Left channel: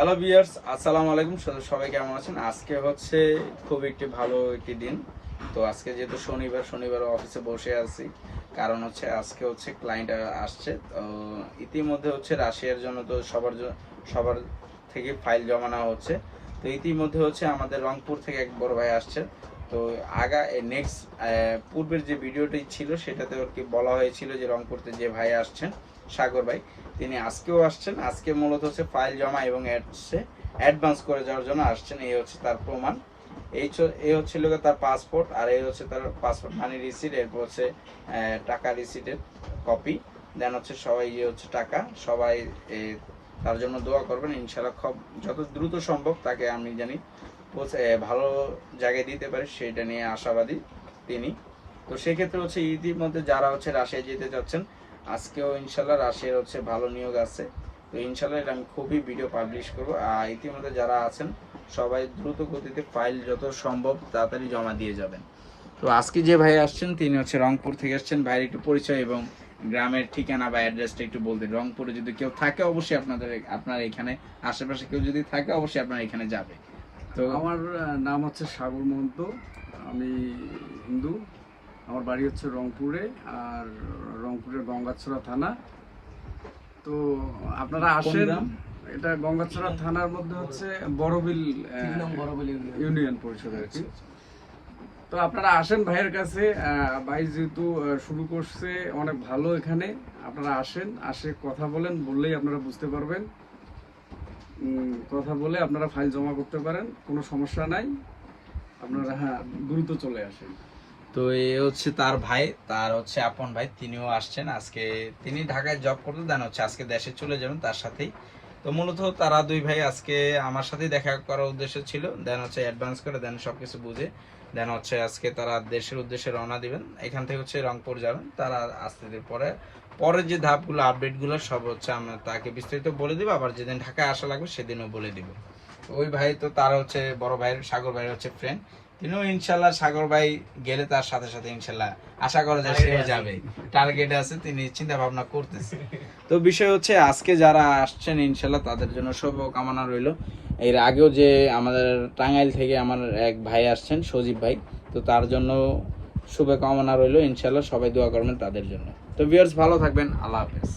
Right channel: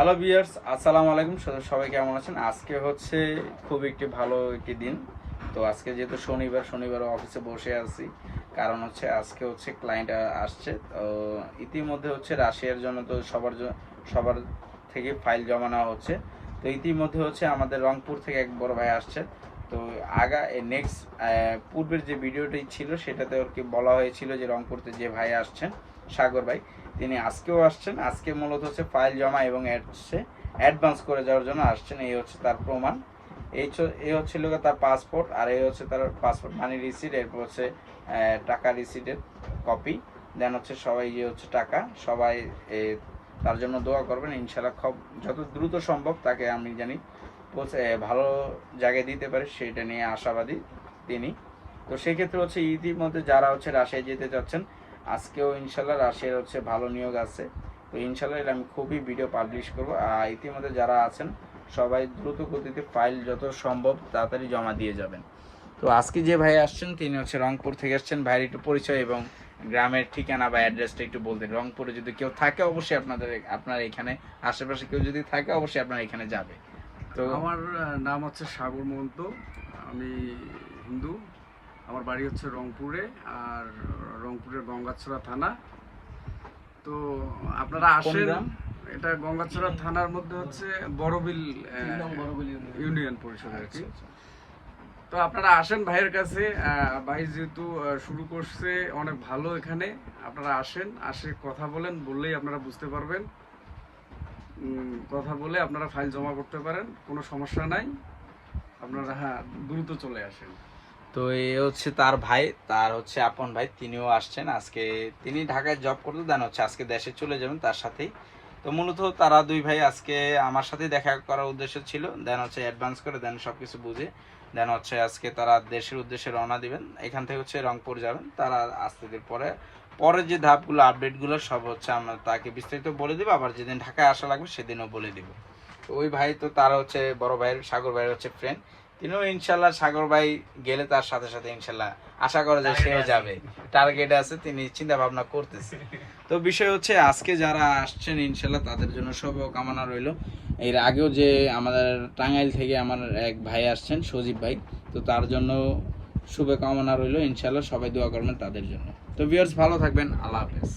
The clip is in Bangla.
হ্যালো ভিউয়ার্স, আসসালামু আলাইকুম। সবাই কেমন আছেন? আজকে হচ্ছে খুব একটি ভালো একটি দিন। তো আজকে যেহেতু শনিবার অফিসে বসে আছি, কারণ হচ্ছে আজকে হচ্ছে ক্লায়েন্ট আসছে। তো ইতিমধ্যে হচ্ছে রাশিয়ার জন্য তো সবার থেকে ফাইল জমা নেওয়া হচ্ছে। তো ইতিমধ্যে হচ্ছে আমাদের রংপুর থেকে এক বড় ভাই আসছে। তো নেক্সট পূর্বের যে ভিডিওটি ছিল সেটাতে আর কি বলা হয়েছিল যে রংপুরতে যে ভাই আসছেন, সাগর ভাই, তিনি আজকেও আসছেন। আজকে মূলত হচ্ছে ফাইল জমা এবং অ্যাডভান্স করে যাওয়ার জন্য আসছেন। এই হচ্ছে তার প্রমাণ। এই হচ্ছিল তার পাসপোর্ট, আর এই হচ্ছে তার পাসপোর্ট মানি রিসিট, এরপর হচ্ছে টাকা রিসিটের কপি, দেন হচ্ছে সবাই যে হচ্ছে টাকা সবাই তার জন্য দোয়া করবেন। ইনশাল্লাহ যত দ্রুত সম্ভব তাকে আমি জানি ভালো জায়গায় দিতে পারে, সেটা নিয়ে আশাবাদী তিনি। তো সেক্ষেত্রে হচ্ছে ইতিমধ্যে যারা হচ্ছে রাশিয়ায় যেতে চাচ্ছেন, আজকেও ইনশাল্লাহ রাশিয়ার হচ্ছে ভালো নিয়োগ আছে। তো ইনশাল্লাহ এটা আমি খুবই ভিডিও পাবলিশ করবো। আর ইতিমধ্যে যারা আছেন সবাই দ্রুত গতিতে ফাইল যত সম্ভব তাড়াতাড়ি জমা দিয়ে যাবেন। তো আজকে যে ভাই আসছেন তিনি হচ্ছে রংপুর থেকে আসছেন। ভাইয়ের একটু পরিচয় এবং গ্রামের ঠিকানা বা অ্যাড্রেসটা একটু বলতে। রংপুরে যদি কেউ থাকে অবশ্যই আপনার এখানে আশেপাশে কেউ যদি থাকে অবশ্যই আপনার এখানে যাবে। তো আমার নাম হচ্ছে সাগর মহন্ত। আমি হিন্দু। আমার বাড়ি হচ্ছে রংপুরে, আর রংপুরের গঙ্গাছড়া থানা। তো আপনারা আসেন, এটা গঙ্গাছড়া থানার মধ্যে হচ্ছে বড়বিল ইউনিয়ন পরিষদ আর কি। তো আপনারা আসেন ভাইয়ের কাছে। ভাই যেহেতু শুরু করছে অনেক ভালো, এখানে আপনারা আসে কথা বললেই আপনারা বুঝতে পারবেন। কথা বলে আপনারা ফাইল জমা করতে পারেন, কোনো সমস্যা নাই। আপনারা দ্রুত চলে আসেন। তো এই হচ্ছে তার ভাই, তার হচ্ছে আপন ভাই, তিনিও আসছেন আজকে। তিনি ঢাকায় জব করতে দেন হচ্ছে আজকে দেশে চলে যাবেন তার সাথেই। তো মূলত তারা দুই ভাই আজকে আমার সাথে দেখা করার উদ্দেশ্য ছিল, দেন হচ্ছে অ্যাডভান্স করে দেন সবকিছু বুঝে, দেন হচ্ছে আজকে তারা দেশের উদ্দেশ্যে রওনা দিবেন। এখান থেকে হচ্ছে রংপুর যাবেন। তারা আসতে পরে যে ধাপগুলো আপডেটগুলো সব হচ্ছে আমরা তাকে বিস্তারিত বলে দিব। আবার যেদিন ঢাকায় আসা লাগবে সেদিনও বলে দিব। তো ওই ভাই তো তারা হচ্ছে বড় ভাইয়ের, সাগর ভাইয়ের হচ্ছে ফ্রেন্ড। তিনিও ইনশাল্লাহ সাগর ভাই গেলে তার সাথে সাথে ইনশাল্লাহ আশা করা যায় সেও যাবে। টার্গেট আছে, তিনি চিন্তা ভাবনা করতেছে। তো বিষয় হচ্ছে আজকে যারা আসছেন ইনশাল্লাহ তাদের জন্য শুভ কামনা রইল। এর আগেও যে আমাদের টাঙ্গাইল থেকে আমার এক ভাই আসছেন, সজীব ভাই, তো তার জন্য শুভ কামনা রইল। ইনশাল্লাহ সবাই দোয়া করবেন তাদের জন্য। তো ভিউয়ার্স ভালো থাকবেন, আল্লাহ হাফেজ।